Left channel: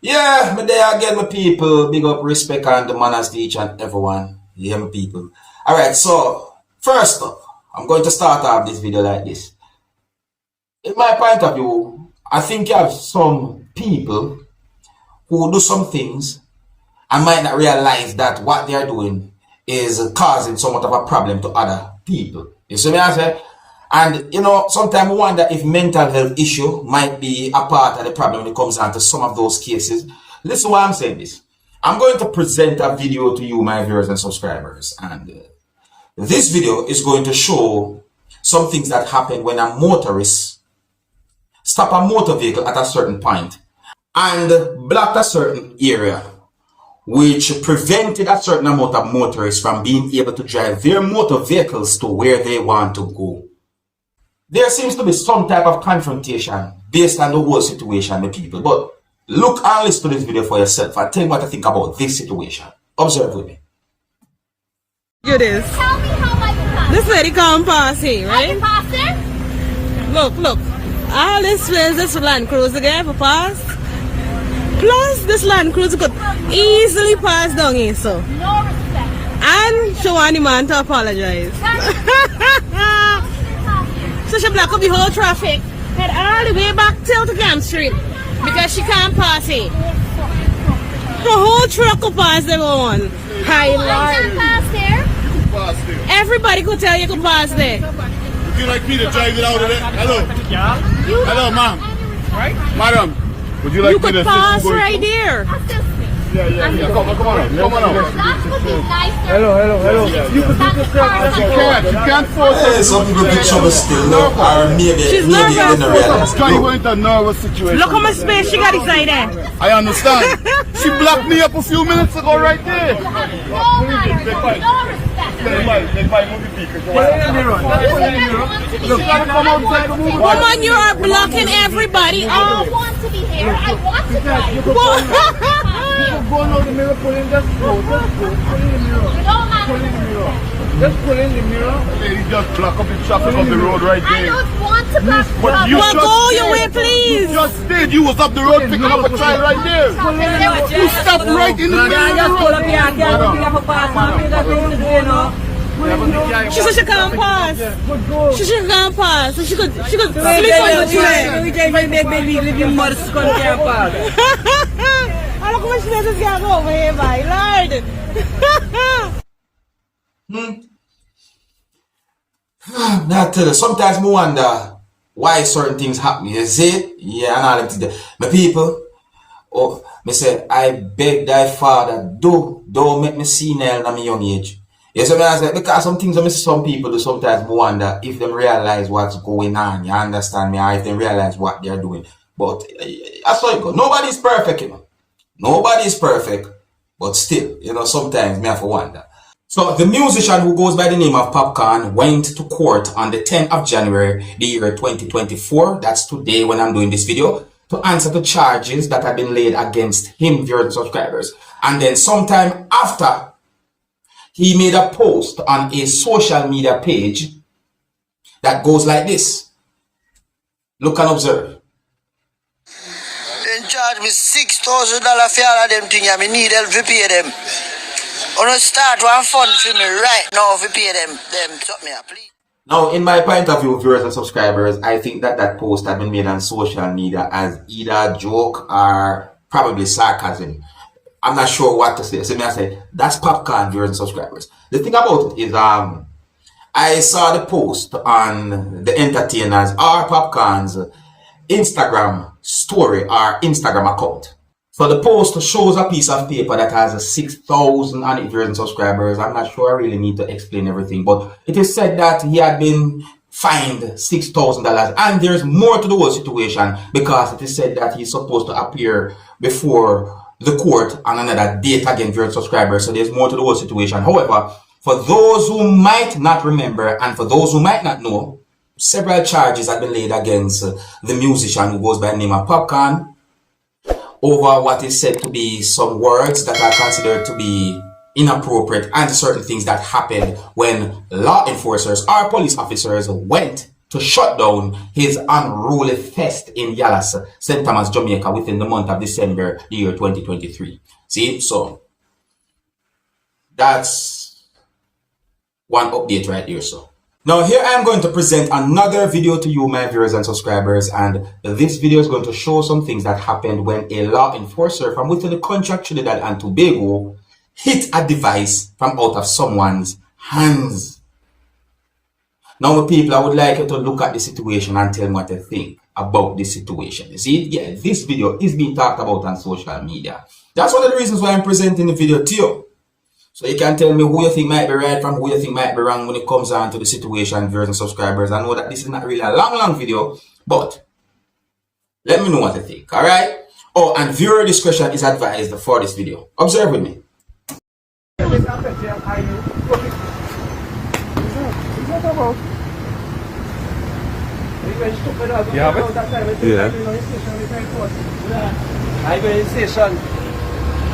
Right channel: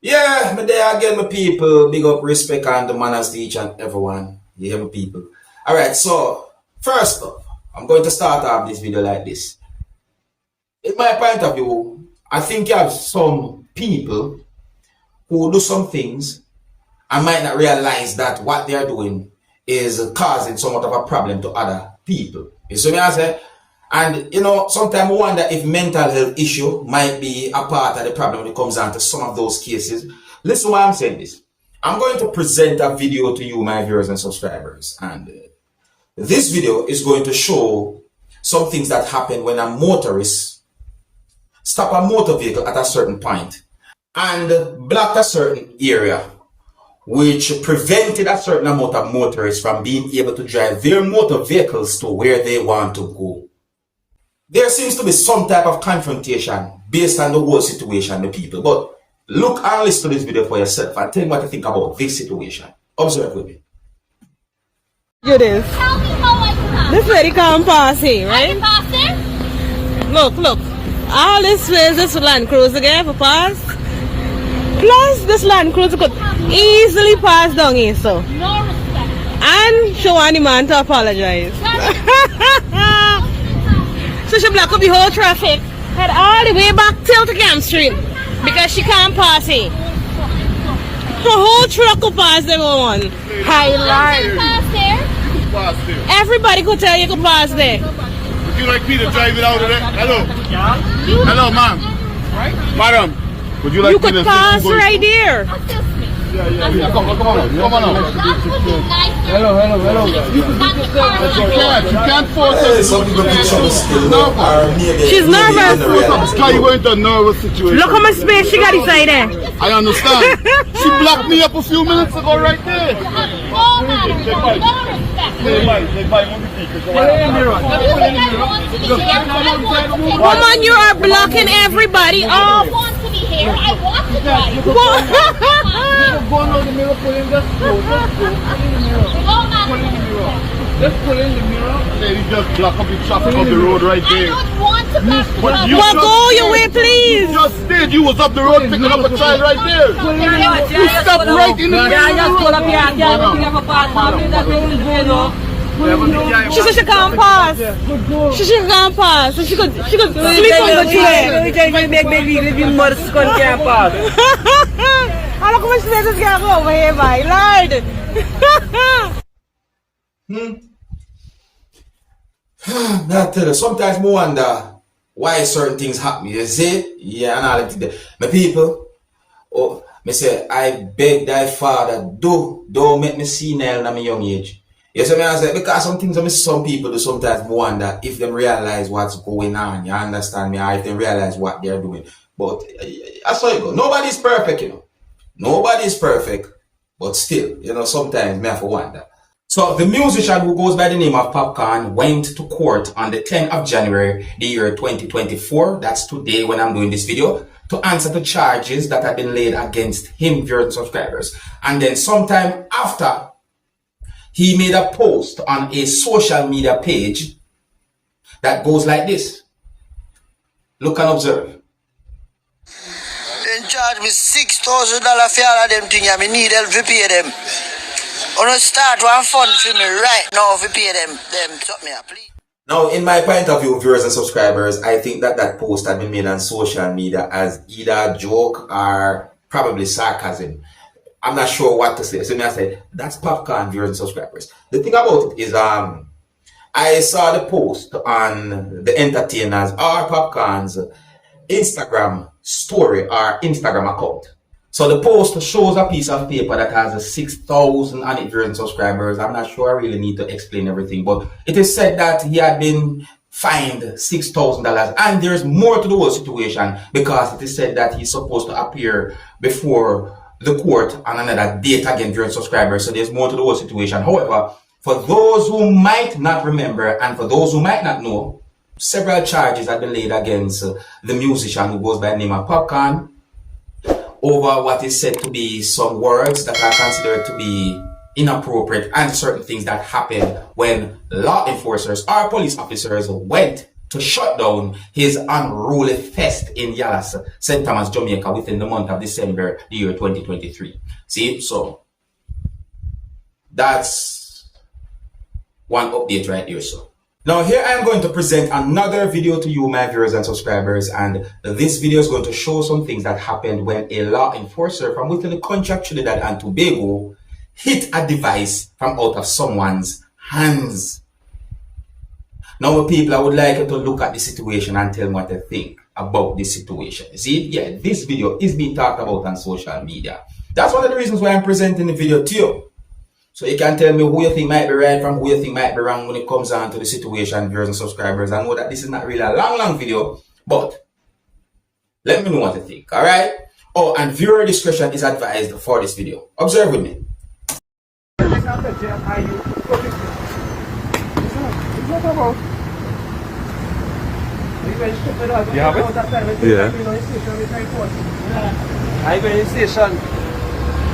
Yeah, me there again, my people. Big up, respect, and the manners to each and everyone. You hear me, people? Alright, so, first up, I'm going to start off this video like this. In my point of view, I think you have some people who do some things and might not realize that what they are doing is causing somewhat of a problem to other people. You see what I say? And sometimes I wonder if mental health issue might be a part of the problem when it comes down to some of those cases. Listen why I'm saying this. I'm going to present a video to you, my viewers and subscribers. And this video is going to show some things that happen when a motorist stop a motor vehicle at a certain point and block a certain area, which prevented a certain amount of motorists from being able to drive their motor vehicles to where they want to go. There seems to be some type of confrontation based on the whole situation with people. But look and listen to this video for yourself and tell me what you think about this situation. Observe with me. It is. Tell me how I can. This lady come pass here, right? I can pass it? Look. All this space, this Land Cruiser again for pass. Plus, this Land Cruiser could easily pass down here, so. No respect. And she want the man to apologize. So she block up the whole traffic, head all the way back till to Camp Street because she can't pass it. The whole truck could pass them on. High I can Lord. pass here. Pass there. Everybody could tell you could pass there. Would you like me to drive it out of there? Hello? Hello, ma'am. Right? Madam, would you like You me to could pass right there. Assist me. Yeah. Come on out. Come on out. That would be nicer. Hello. You can't force us. Some people get some skill. No, She's nervous. Why you into a nervous situation? Look how much space she got inside there. I understand. She blocked me up a few minutes ago right there. No manners. No respect. Woman, you are blocking everybody I off. want to be here. I want to drive. Go on the mirror, pull in, just go. Pull in the mirror. It don't matter. Pull in the mirror. Just pull in the mirror. Lady just block up the traffic on the road right I there. don't want to block the But road. you Well, just go did. your way, please. You just did. You was up the road picking up a child right there. You stopped right in the She said she can't pass. She can't pass. So she could slip on the train. I look how much space is going over here, my lord. I tell you, sometimes I wonder why certain things happen. You see? Yeah, and all that. My people, me say, I beg thy father, don't make me senile at my young age. You see me? I say, because some things I see some people do sometimes I wonder if they realize what's going on. You understand me? Or if they realize what they're doing. But that's how it goes. Nobody's perfect, Nobody's perfect. But still, sometimes me have to wonder. So the musician who goes by the name of Popcorn went to court on the 10th of January, the year 2024. That's today when I'm doing this video, to answer the charges that have been laid against him, viewers and subscribers. And then sometime after, he made a post on a social media page that goes like this. Look and observe. They charge me $6,000 for all of them things. I need help to pay them. I want to start one fund for me right now to pay them something, please. Now, in my point of view, viewers and subscribers, I think that post had been made on social media as either a joke or probably sarcasm. I'm not sure what to say. So I say, that's Popcorn, viewers and subscribers. The thing about it is, I saw the post on the entertainers or Popcorn's Instagram story or Instagram account. So the post shows a piece of paper that has 6,000 on it, viewers and subscribers. I'm not sure I really need to explain everything, but it is said that he had been fined $6,000, and there's more to the whole situation because it is said that he's supposed to appear before the court on another date again, viewers and subscribers. So there's more to the whole situation. However, for those who might not remember and for those who might not know, several charges have been laid against the musician who goes by the name of Popcorn over what is said to be some words that are considered to be inappropriate and certain things that happened when law enforcers or police officers went to shut down his unruly fest in Dallas, St. Thomas, Jamaica within the month of December, the year 2023. See, so that's one update right here. So now here I am going to present another video to you, my viewers and subscribers, and this video is going to show some things that happened when a law enforcer from within the country of Trinidad and Tobago hit a device from out of someone's hands. Now, people, I would like you to look at the situation and tell me what you think about this situation. You see, yeah, this video is being talked about on social media. That's one of the reasons why I'm presenting the video to you. So you can tell me who you think might be right from who you think might be wrong when it comes down to the situation, viewers and subscribers. I know that this is not really a long video, but let me know what you think, alright? Oh, and viewer discretion is advised for this video. Observe with me. It's not about. You have it? Yeah. I go in station.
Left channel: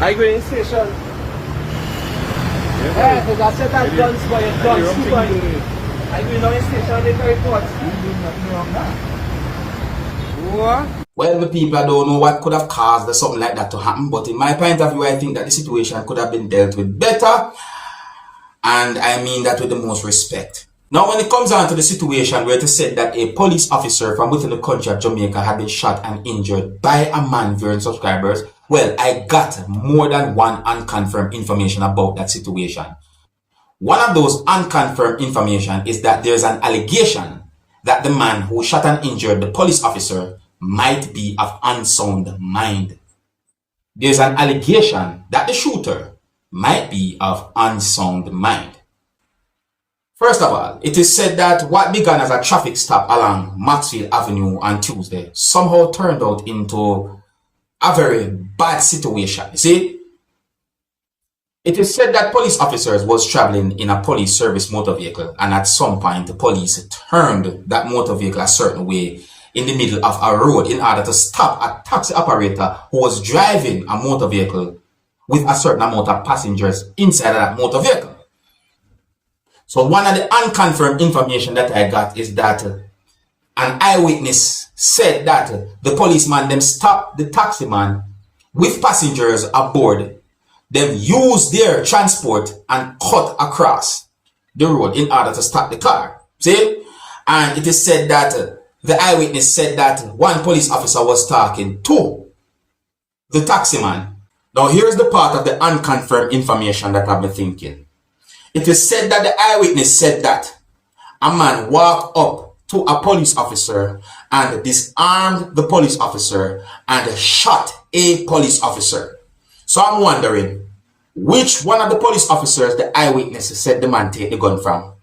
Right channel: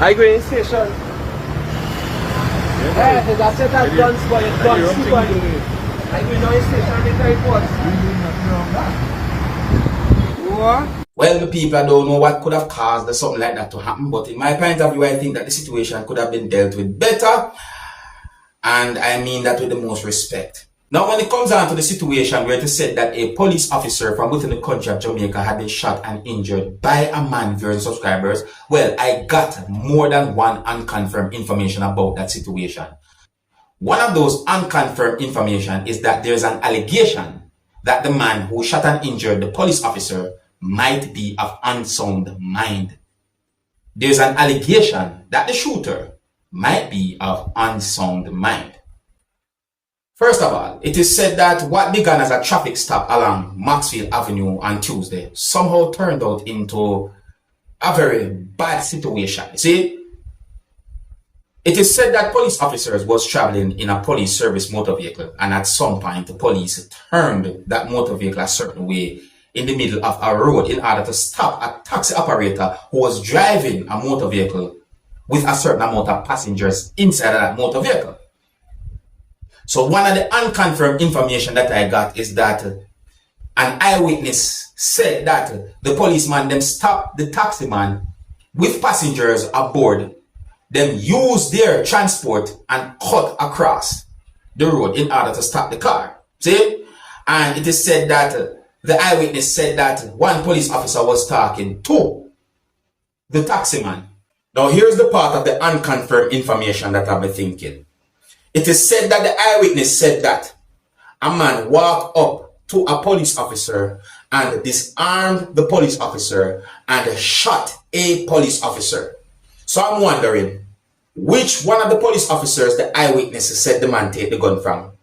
I go in station. Yeah, because I said that guns by a gun. I go in station, they can report. What? Well, the people, I don't know what could have caused something like that to happen, but in my point of view, I think that the situation could have been dealt with better, and I mean that with the most respect. Now, when it comes down to the situation where it is said that a police officer from within the country of Jamaica had been shot and injured by a man, viewers and subscribers, well, I got more than one unconfirmed information about that situation. One of those unconfirmed information is that there's an allegation that the man who shot and injured the police officer might be of unsound mind. There's an allegation that the shooter might be of unsound mind. First of all, it is said that what began as a traffic stop along Maxfield Avenue on Tuesday somehow turned out into a very bad situation. You see, it is said that police officers was traveling in a police service motor vehicle, and at some point the police turned that motor vehicle a certain way in the middle of a road in order to stop a taxi operator who was driving a motor vehicle with a certain amount of passengers inside of that motor vehicle. So one of the unconfirmed information that I got is that an eyewitness said that the policeman then stopped the taxi man with passengers aboard, then used their transport and cut across the road in order to stop the car. See? And it is said that the eyewitness said that one police officer was talking to the taxi man. Now here's the part of the unconfirmed information that I've been thinking. It is said that the eyewitness said that a man walked up to a police officer and disarmed the police officer and shot a police officer. So I'm wondering, which one of the police officers the eyewitness said the man take the gun from?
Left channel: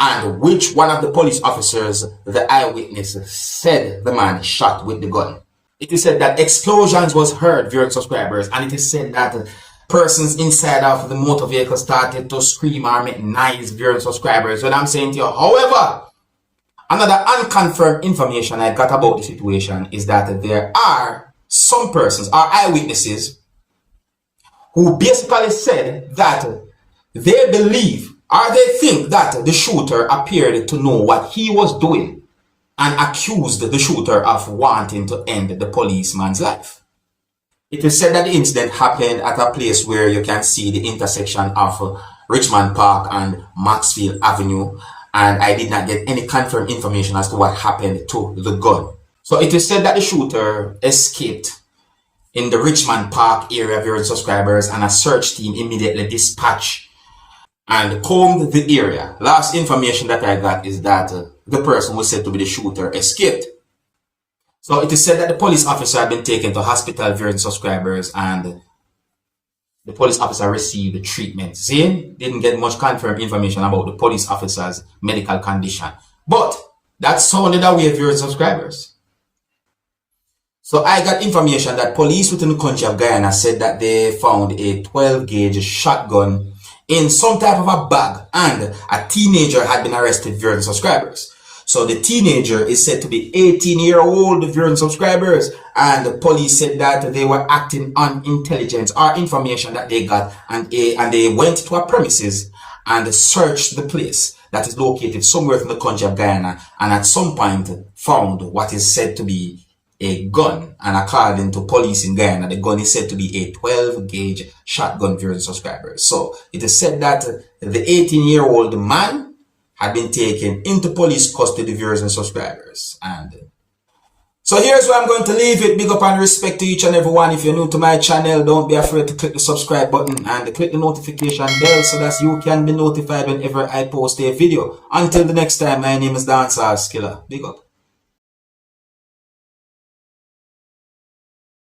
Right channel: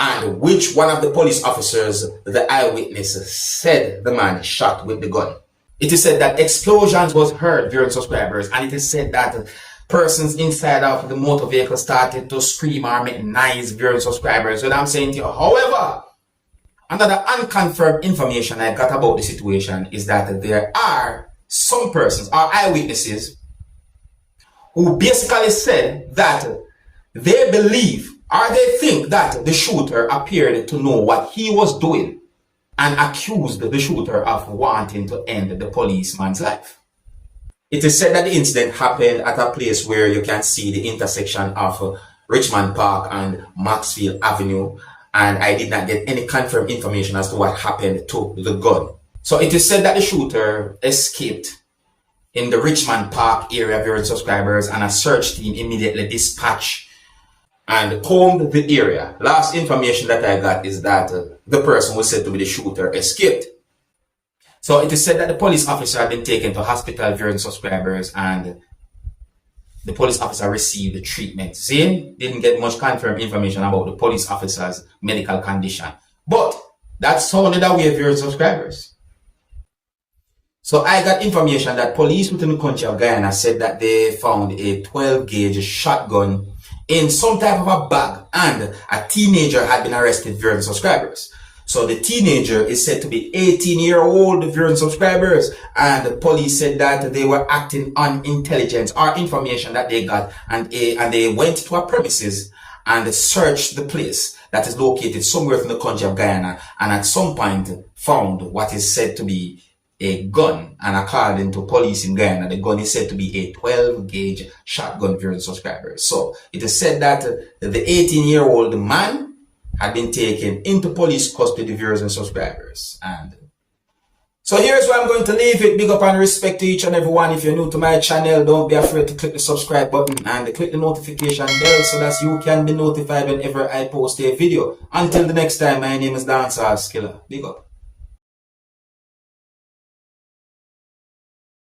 And which one of the police officers the eyewitness said the man shot with the gun? It is said that explosions was heard, viewers and subscribers, and it is said that persons inside of the motor vehicle started to scream or make noise, viewers and subscribers. What I'm saying to you, however, another unconfirmed information I got about the situation is that there are some persons, or eyewitnesses, who basically said that they believe or they think that the shooter appeared to know what he was doing and accused the shooter of wanting to end the policeman's life. It is said that the incident happened at a place where you can see the intersection of Richmond Park and Maxfield Avenue, and I did not get any confirmed information as to what happened to the gun. So it is said that the shooter escaped in the Richmond Park area, viewers and subscribers, and a search team immediately dispatched and combed the area. Last information that I got is that the person who was said to be the shooter escaped. So it is said that the police officer had been taken to hospital, viewers and subscribers, and the police officer received the treatment. See, didn't get much confirmed information about the police officer's medical condition, but that sounded away, viewers and subscribers. So I got information that police within the country of Guyana said that they found a 12-gauge shotgun in some type of a bag, and a teenager had been arrested, viewers and subscribers. So the teenager is said to be 18-year-old, viewers and subscribers, and the police said that they were acting on intelligence or information that they got, and they went to a premises and searched the place that is located somewhere in the country of Guyana and at some point found what is said to be a gun. And according to police in Guyana, the gun is said to be a 12-gauge shotgun, viewers and subscribers. So it is said that the 18-year-old man had been taken into police custody, viewers and subscribers. And so here's where I'm going to leave it. Big up and respect to each and every one. If you're new to my channel, don't be afraid to click the subscribe button and click the notification bell so that you can be notified whenever I post a video. Until the next time, my name is Dancehall Skilla. Big up.